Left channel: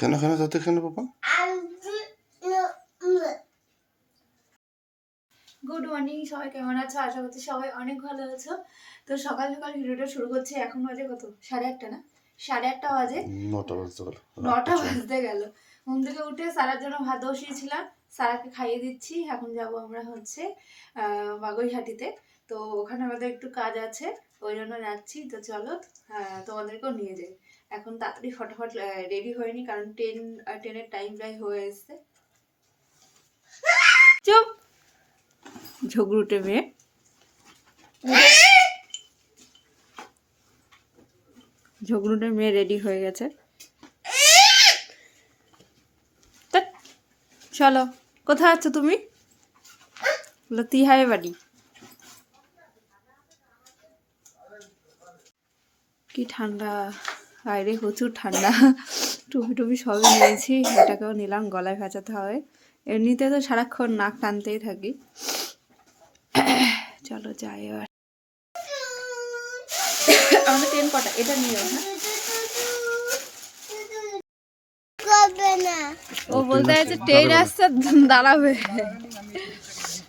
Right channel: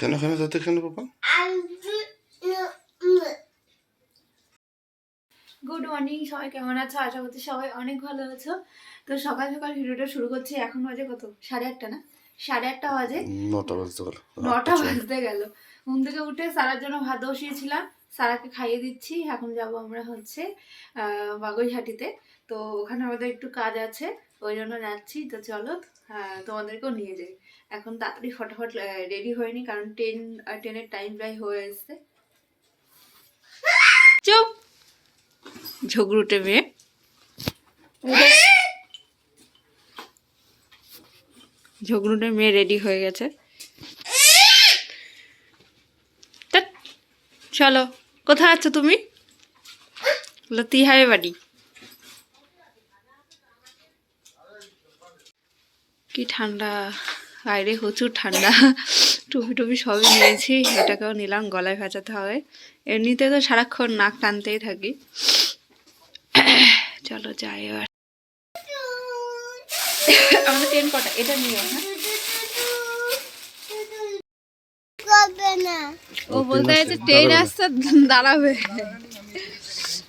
কেন কেন তাতে কেন বাবা? গুড মর্নিং, সবাই কেমন আছো? আশা করছি সবাই অনেক ভালো আছো। তো সকাল সকাল ভিডিওটা শুরু করছি। এখন বাজে কত? 8:30 না? 8:30 বাজে। 9টা বাজতে গেল। 9টা বাজতে গেল। ঘুম থেকে উঠে সারার জন্য ভাত বসিয়েছিলাম, সারাকে খাইয়ে দিচ্ছি। এখন যাব আমরা হচ্ছে বাগুইহাটিতে। তো ওখানে আমাদের একটু কাজ আছে, ওই জন্য যাচ্ছি। তো চলো তোমাদেরকেও নিয়ে যাই। এখন তাড়াতাড়ি ফটাফট রেডি হয়নি, কারণ ট্রেনের টাইম প্রায় হয়ে এসছে। চুপ, ঝগড়ুটে মেয়ে। ঝগড়ুটে মেয়ে রেডি হয়ে গেছে। চলো, কোথায় আছো তুমি? তিহারে বাড়ি। কি ঠান্ডা, বাইরে প্রচুর ঠান্ডা। টুপি টুপি সবই নিয়েছি, এটাকেও নিলাম, গলায় ভেজাতে হবে। এমনিতে তো সারাক্ষণ নাক টানতেই থাকি। চলো যাই এবার। আমাদের ট্রেন কটা? এটা নিও। হ্যাঁ, ও বলতে আছে ট্রেন আসছে, দাঁড়াবে।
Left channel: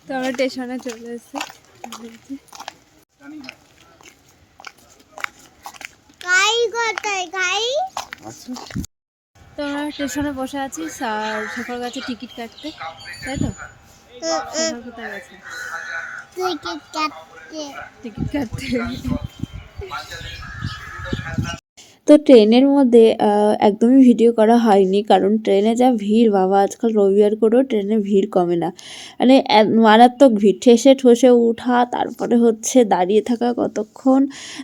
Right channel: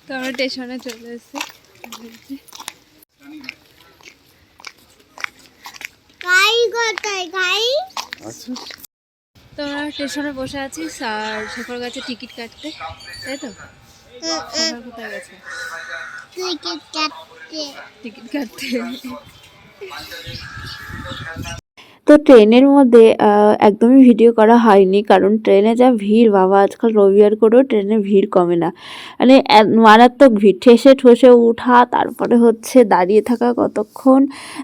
তো আমরা স্টেশনে চলে এসেছি। তো আমরা স্টেশনে বসে আছি, আর শেখর গেছে টিকিট কাটতে, তাই তো? শেখর কোথায় গেছে? টিকিট কাটতে। তো ট্রেনের মধ্যে একদমই ভিডিও করা হয়নি, কারণ ট্রেনে যা ভিড় বাবা, আজকাল রবিবার করেও ট্রেনে ভিড় কমে না। মানে মারাত্মক ভিড়, ঠেসে ঠসে উঠা, তারপরে হচ্ছে দাঁড়িয়ে থাকা কতক্ষণ,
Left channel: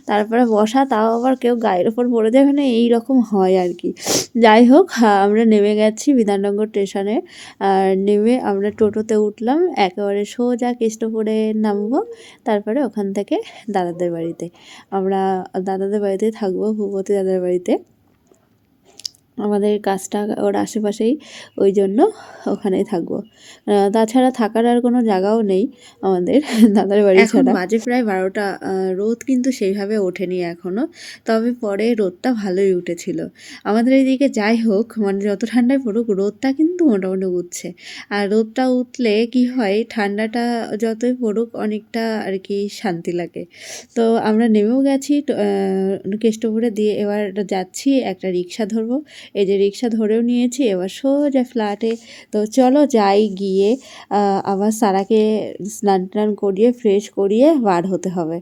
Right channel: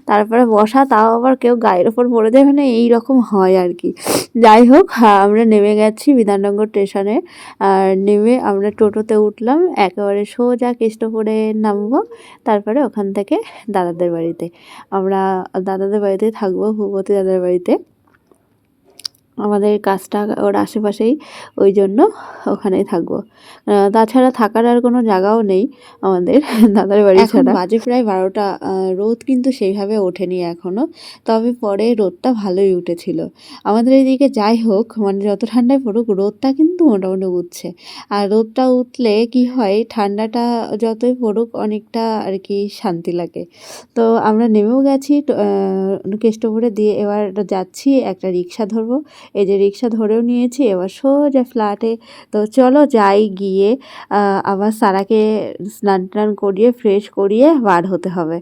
তারপরে বসা, তাও আবার কেউ গায়ের ওপর পড়ে যায়, মানে এইরকম হয় আর কি। যাই হোক, আমরা নেমে গেছি বিধাননগর স্টেশনে। আর নেমে আমরা টোটোতে উঠলাম, একেবারে সোজা কেষ্টপুরে নামবো। তারপরে ওখান থেকে দাদাদের বাড়িতে, আমরা দাদাদের বাড়িতে থাকবো, ভূপতি দাদার বাড়িতে। আমাদের কাজটা ওর আশেপাশেই, ওই জন্য ওখানেই থাকবো। তাছাড়া থাকার আর কোনো জায়গাও নেই আমাদের দাদার বাড়ি ছাড়া। বাজে প্রায় 12টা। রোদ কিন্তু সেইভাবে ওঠেনি এখনও, তবে পরে রোদটা ভালোই উঠেছিল আমাদের এইদিকে। যাই হোক, মানে যত ঠান্ডায় পড়ুক, রোদটা কিন্তু মোটামুটি উঠছে। আর রোদটা উঠলে কি হয়, ঠান্ডাটা যতই পড়ুক অনেকটা আর কি শান্তি লাগে। তো আমরা নেমেও গেছি কেষ্টপুরে দিয়ে, এবার যাচ্ছি, একটা রিক্সা ধরবো। এই যে রিক্সা ধরেও নিয়েছি, এবার সোজা ফ্ল্যাটে। তো চলো যাই, গিয়ে আবার সারাকে স্নান টান করিয়ে ফ্রেশ করিয়ে বার হতে হবে।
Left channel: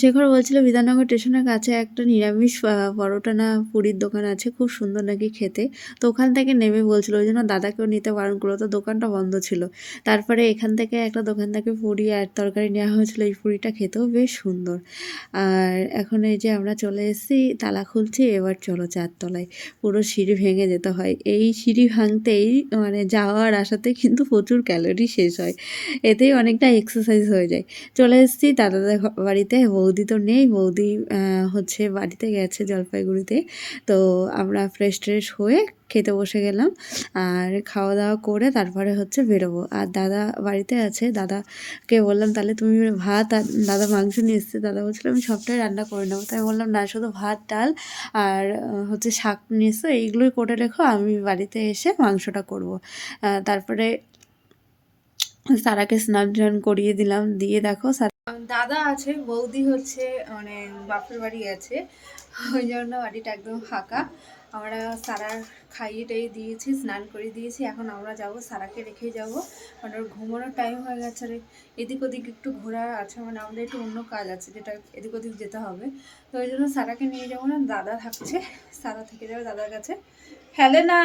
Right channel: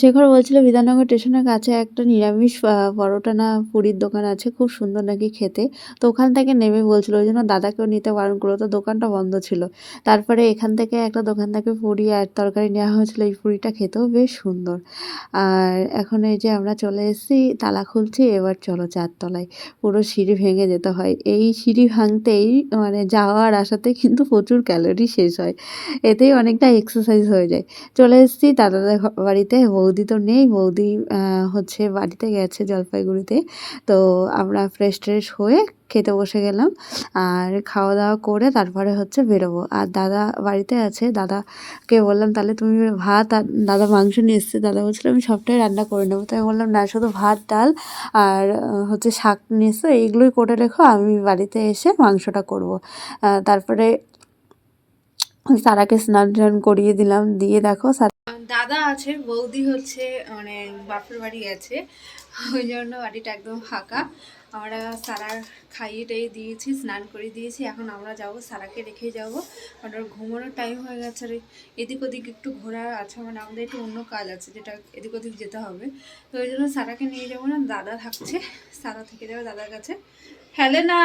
শেখর বলছিল বিধাননগর স্টেশনের কাছে একটা নিরামিষ পরোটা না পুরীর দোকান আছে, খুব সুন্দর নাকি খেতে। তো ওখান থেকে নেমে বলছিল, ওই জন্য দাদাকেও নিতে বারণ করলো, তো দোকানটা বন্ধ ছিল। তারপরে এখান থেকে একটা দোকান থেকে পুরি আর তরকারি নেওয়া হয়েছিল, এই পুরিটা খেতেও বেশ সুন্দর। আর এখন এই যে আমরা চলে এসেছি, তালা খুলছি, এবার চলো 4 তলায়। পুরো সিঁড়ি ভেঙে যেতে হয়, এই সিঁড়ি ভাঙতেই মানে যাওয়ার আসাতে কিন্তু প্রচুর ক্যালোরি শেষ হয়, এতেই অনেকটা এক্সারসাইজ হয়ে যায়। চলে এসেছি দাদাদের বাড়িতে। বৌদি তো নেই, বৌদি হচ্ছে বাড়িতে গেছে জলপাইগুড়িতে। তো আমরা ফ্রেশ ট্রেশ হয়ে খেতে বসে গেলাম, আর খাওয়া দাওয়া করে তারপরে হচ্ছে বেরোবো। আর দাদা বাড়িতে আছে, দাদাকে বললাম তাহলে তুমি ভাত, আর দাদা মাংস নিয়ে এসছে, দাদা বলছিল আমি সবটাই রান্না করে নেবো। তাই বললাম না, শুধু ভাত ডাল আর হচ্ছে শাক নিয়ে এসছো, এইগুলোই করে রেখো, আমি বাড়িতে এসে মাংসটা করবো। তারপরে সারাকে স্নান টান করিয়ে দিলাম, দিয়ে দেখো দাদা আছে, বৌদি হচ্ছে মানে বাপের বাড়ি আছে, ওই জন্য বাড়িটা একদম ফাঁকা। আমরা সারা খাইয়ে টাইয়ে দিয়েছি, স্নান করে দিয়েছি। এখন আমরা যাব, সারাকে রেখে যাব, মানে ওর ঘুমানোর টাইম হয়ে গেছে। আর এদিক ওদিক একটু ঘোরা আছে, মানে আমাদের একটু অন্য কাজ আছে, যেটা এদিক ওদিক যেতে হবে। তো ওই জন্য সারাকে নিয়ে যাবো না, দাদা থাকছে, সারা থেকে যাবে দাদার কাছে। ফেলে না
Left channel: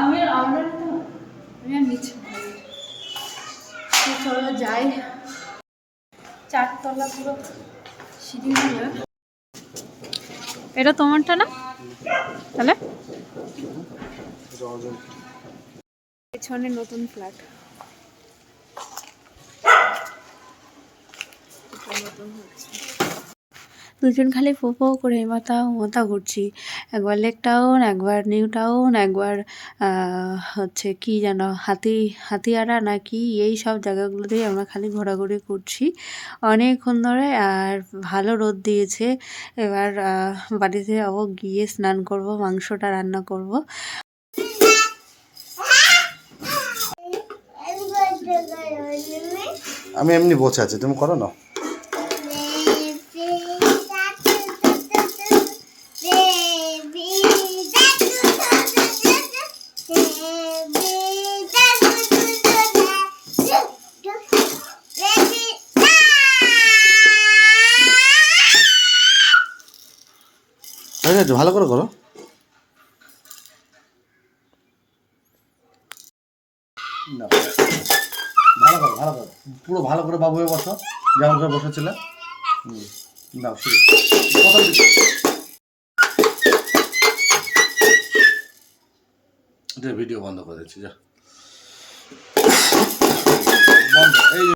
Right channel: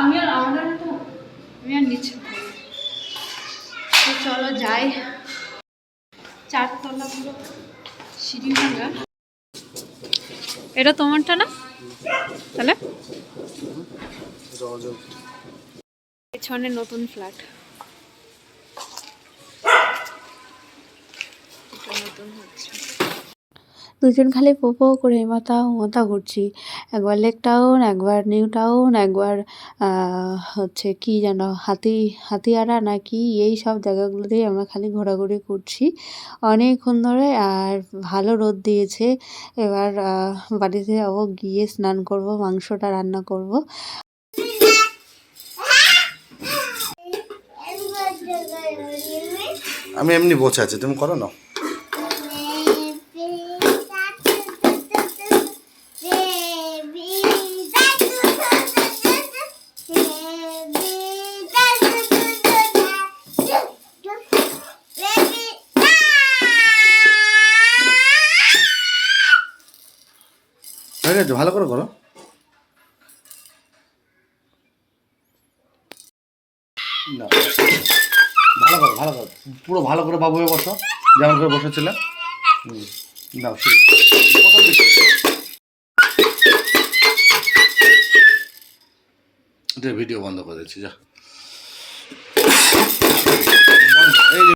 আমি আর নিচ্ছি। তো চলো যাই, 4 তলা পুরো সিঁড়ি ভাঙা। এটা তোমারটা না? তাহলে পেছনে নতুন ফ্ল্যাট, এটা নতুন হচ্ছে। দুজন খালি পোপো করে মাথা মাথা ঘুরছি, একবার লেক টাউন, একবার নিউ টাউন, একবার হচ্ছে কি যেন হাতিয়ারা না কি, এই সব জায়গাগুলোতেই আমরা খালি ঘোরাঘুরি করছি অনেকক্ষণ ধরে। আর ভালো রোদ দিয়েছে। এবার বাড়িতে যাবো, গিয়ে স্নান করব, মাংসটা রান্না করব। আমি এমনি বসে আছি, তুমি করো না। হয়ে গেছে, ভালো করে করো। না, ভালো করো, ভালো করো, পুরো ভালো করে বাবু হয়ে বসো, যেমন করে বসেছিলে। দাও শুরু, প্রথম দিকে ভিডিও বন্ধ করে দিচ্ছি, যা বন্ধ। এই যে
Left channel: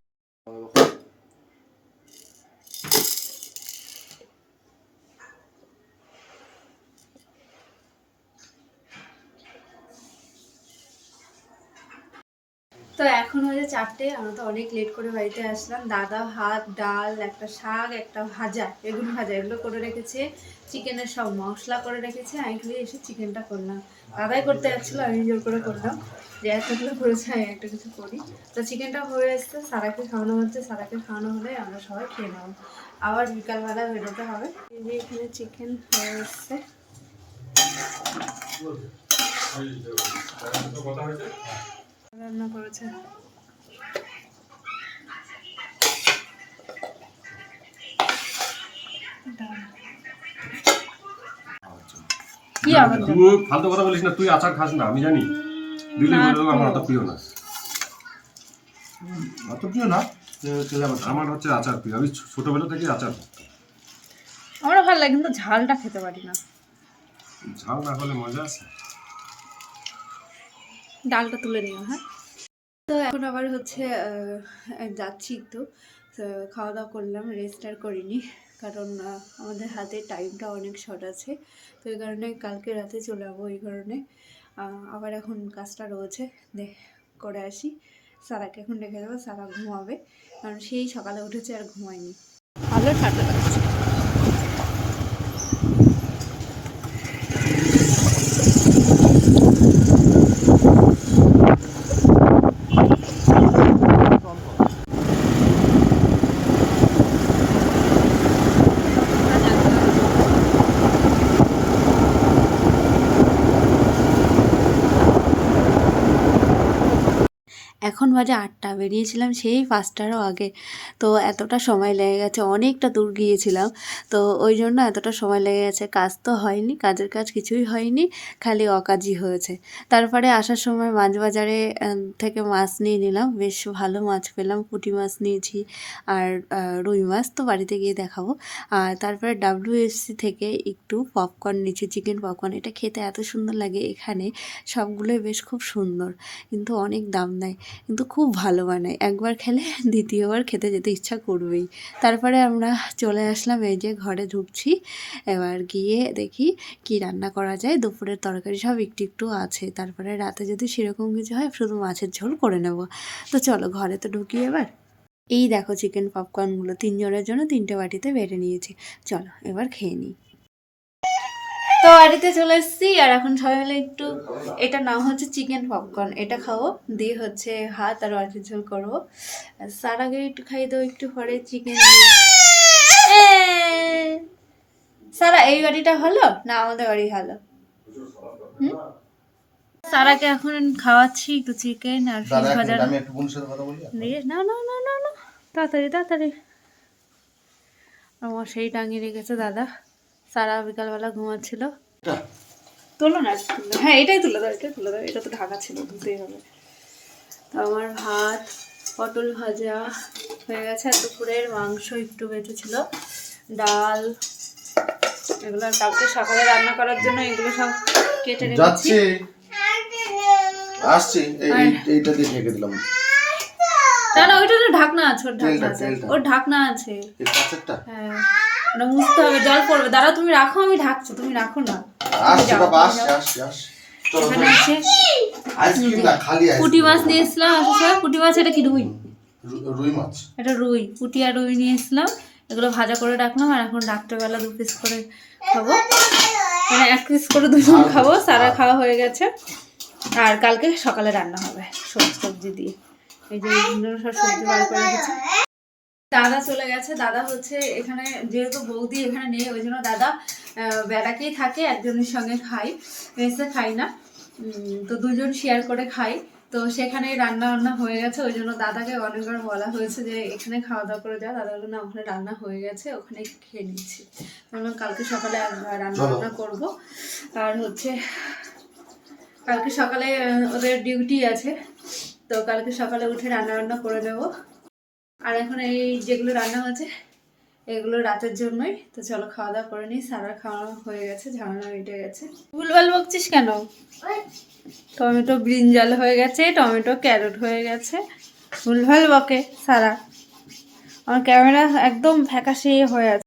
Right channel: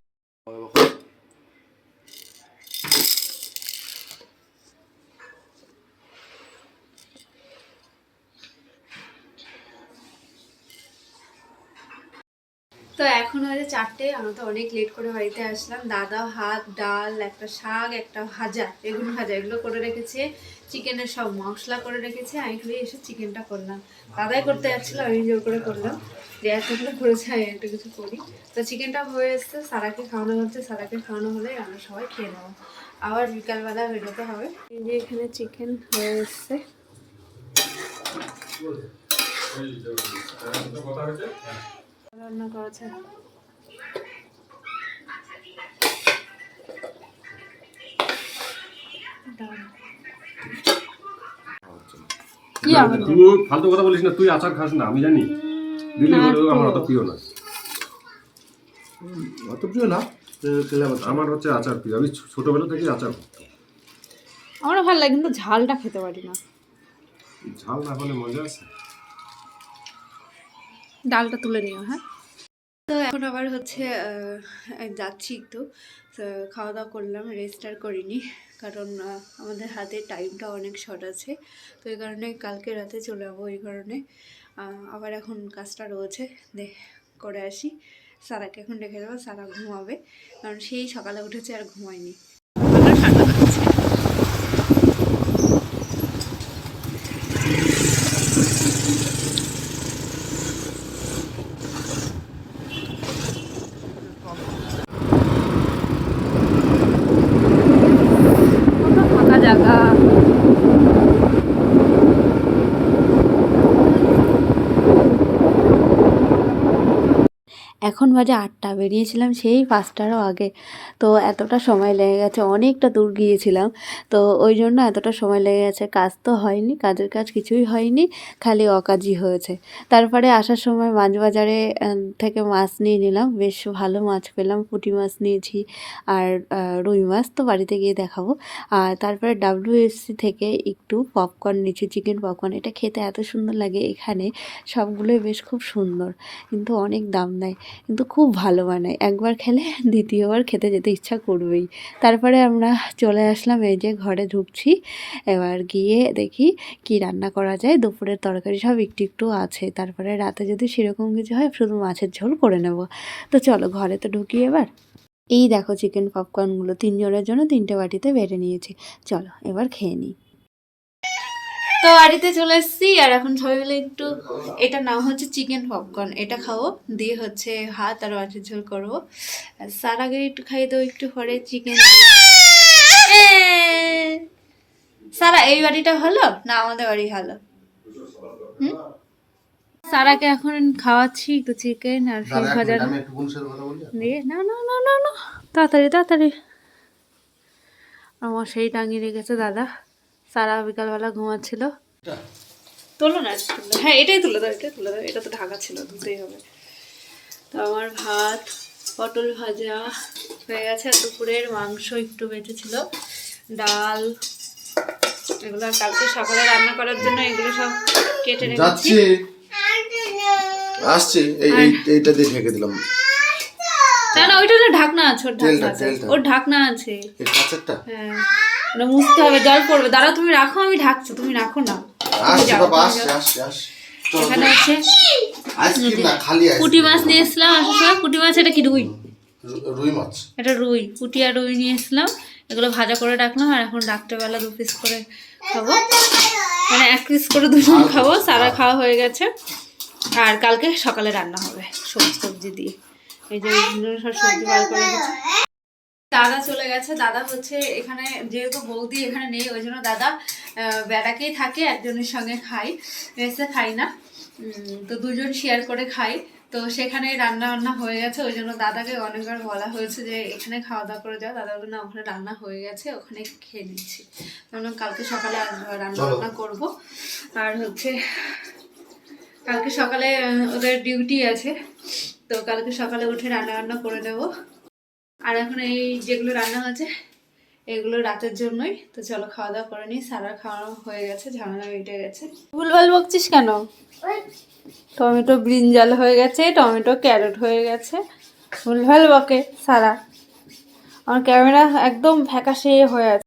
তো এখন হয়েছে 4টে, আমরা তো অনেক লেট করে বাড়িতে আসলাম। দাদা ভাত, ডাল, একটা শাক, একটা ভাজা, বেগুন ভাজা এগুলো করে রেখেছে, চিকেনের সব মশলা করে রেখেছে। আমি খালি এসে চিকেনটা করলাম, দাদাই করতে যাচ্ছিলো, আমি জোর করে করলাম যে এতগুলো করেছে আমি একটা কিছু করি। তো চিকেনটা হয়ে এসছে, সারাকে খাওয়ানো হচ্ছে, সারাকে খাওয়ানো হলে আমরা সবাই খেয়ে নেবো। আবার বিকালবেলা বেরোতে হবে। এই যে এখানে চিকেন হয়ে এসছে। রান্না করেছে কি আবার তুই ফালতু কথা বলিস না, তুই আচার খাস না আমি জানি, দিলে বলে আমার অত প্রিয় না। অত প্রিয় না, আমার হচ্ছে আচার প্রিয়, আমি ছোটবেলা থেকে আচার। আমার ভালো লাগে কিন্তু ঝালটা খেতে পারি না। ঝাল না হলে মজা আছে। ডালটা তুলে নিও। হ্যাঁ, তো এখন আবার হচ্ছে যাচ্ছি একটু, খাওয়া দাওয়া করলাম, রেস্ট আর করিনি কারণ আমাদের হাতে টাইমটা অনেক শর্ট আছে। তো এই কারণে কালকে রাতে চলে যাবো, এই কারণে আবার এখন কাজটা রয়েছে, করে আসি। সারাকে এখন রেখে দেবো, সারা ঘুমাবে কারণ সেই সকালে উঠেছে আর ঘুমায়নি, ভালো ঠান্ডা লাগছে। এখন বাজে 8টা, বেরিয়েছিলাম সেই 5টারও আগে। তো এতটা সময় লেগে গেছে, অনেকটা দূর গিয়েছিলাম, তো ওই জন্য এতটা সময় লেগে গেছে। কাজ তো হয়নি, কাজের কাজ কিছুই হয়নি, খালি অকাজই হয়েছে। তারপরে আসার সময় মাছ বাজারে থেকে মাছ নিয়ে নিলাম, বেশ ভালো মাছ পেলাম, পুঁটি মাছ নিয়েছি আর রুই মাছ তো বাড়িতে গিয়ে দেখাবো। আর তারপরে WFC থেকে একটু পপকর্ন নিয়েছি, চিকেন পপকর্ন। এটা খেতে এত সুন্দর লাগে, এখানে সবগুলোই বেশ খুব সুন্দর, কিন্তু অনেক দাম নেয়, কিন্তু খুব ভালো বানায়। একবার খেলে দ্বিতীয়বার খেতে যেতে ইচ্ছা করবেই। তারপরে আমরা চলে আসলাম, এই যে ঘরে ঢুকছি। এবার গিয়ে দেখি কি রান্না করা যায়, দুপুরের তরকারি সব একটু একটু আছে, তারপরে রাতে যদি সেরকম কিছু হয় শুধু মাছের ঝোল করে নেব। তো চলো ঘরে তো ঢুকি এবার। এই দেখো চিকেন পপকর্নগুলো 3 জনের জন্য 3টে বাটিতে বেড়ে নিয়েছি, চলো এবার খেয়ে নিই। তো বাড়িতে চলে এসেছি, আর এখন সবাই মিলে একটু, এটা নাম হচ্ছে চিকেন পপকর্ন, এটা খাবো, দিয়ে হচ্ছে ভাত আর মাছের ঝোল করবো। সারাকে একটু খাইয়ে দেবো একটু পরে চিকেন দিয়ে। সারা এই বাড়িটা ভালো না আমাদের বাড়ি ভালো? সারাকে এখন খাওয়াচ্ছি একটু চিকেন আর ফিশ ভাজা দিয়ে। না না না না না, তাড়াতাড়ি তাড়াতাড়ি, আমার সেই টাঙিয়ে রেখেছে দাদা। সারা বিকালবেলা ঘুমাচ্ছিল। তোলো না, হ্যাঁ এটাই তুলে দাও, এটাই তুলে দাও, এটা তো ঢাকা ছিল, তুলতেই হবে। তো আমার ভাত পটল ভাজা হয়ে গেছে, আর দুপুরের মাংস একটু বেঁচেছিল, ডাল, এগুলো কালকে সকালে রান্না করার জন্য এগুলো সব কেটে রেখেছি। আসছি, এইটা দিয়ে ঢেকে দিলাম। না না, ওইটা তো ঢাকনা আছে, ওর ঢাকনা আছে, ওর ঢাকনা আছে। এই কাঁচেরটা? হ্যাঁ, ওটা মুছতে হবে, জল পড়বে। দাঁড়াও, তুমি রাখো, আমি ঢাকছি, তুমি রাখো না। এখানে হচ্ছে পুঁটি মাছ নিয়ে এসলাম আসার সময়। পুঁটি মাছ, এটা কি রুই? রুই মাছ। এটা রুই, পুঁটি আর রুই নিয়ে এসলাম। এগুলো ভাজা করে রাখলাম। আর এখন রাত্রেবেলা 2 পিস করে খাবো, মানে 1 পিস করে দুজন খাবো। সারা খাওয়া হয়ে গেছে। আর কালকে সকালে রান্না হবে সবজি দিয়ে। এই যে সব সবজি বার করে রেখেছে। দাদা চলে গেছে। দাদা হচ্ছে এখানে, যেহেতু বৌদি এখানে নেই ওই জন্য দাদা বেড়াকেই থাকে, একজনের সঙ্গে খাই, মেসে খাই না। তো দুজন শেয়ার করে খাই। তো সেখানে রান্না বান্না হয়ে গেছে, ওই জন্য দাদাকে অনেকবার বলা হয়েছে যে এখানে খাওয়া দাওয়া করে যাও। দাদা বলে না, ওখানে রান্না হয়ে গেছে, ওখানে খেয়ে নিচ্ছি। কারণ কালকে সকালে রান্না বান্না করবো। আর হচ্ছে কালকে সকালে ওদের ডিউটি আছে, তো কালকে সকালে উঠে রান্না বান্না করে নেবো। আর এখন এই যেগুলো রান্না হয়েছে এগুলো রাতের জন্যই। তো চলো খাওয়া দাওয়া করে নিই। সারা খাওয়া হয়ে গেছে, ঝামেলা মিটে গেছে। ভুলভাল বকছিস কেন? টমেটো ব্রিঞ্জাল হয়ে গেছে, টমেটো ক্যারট হয়ে গেছে, ভুলভাল বকে সারা। আমার ক্যামেরা একদম ফ্যাকাশে হয়ে আছে।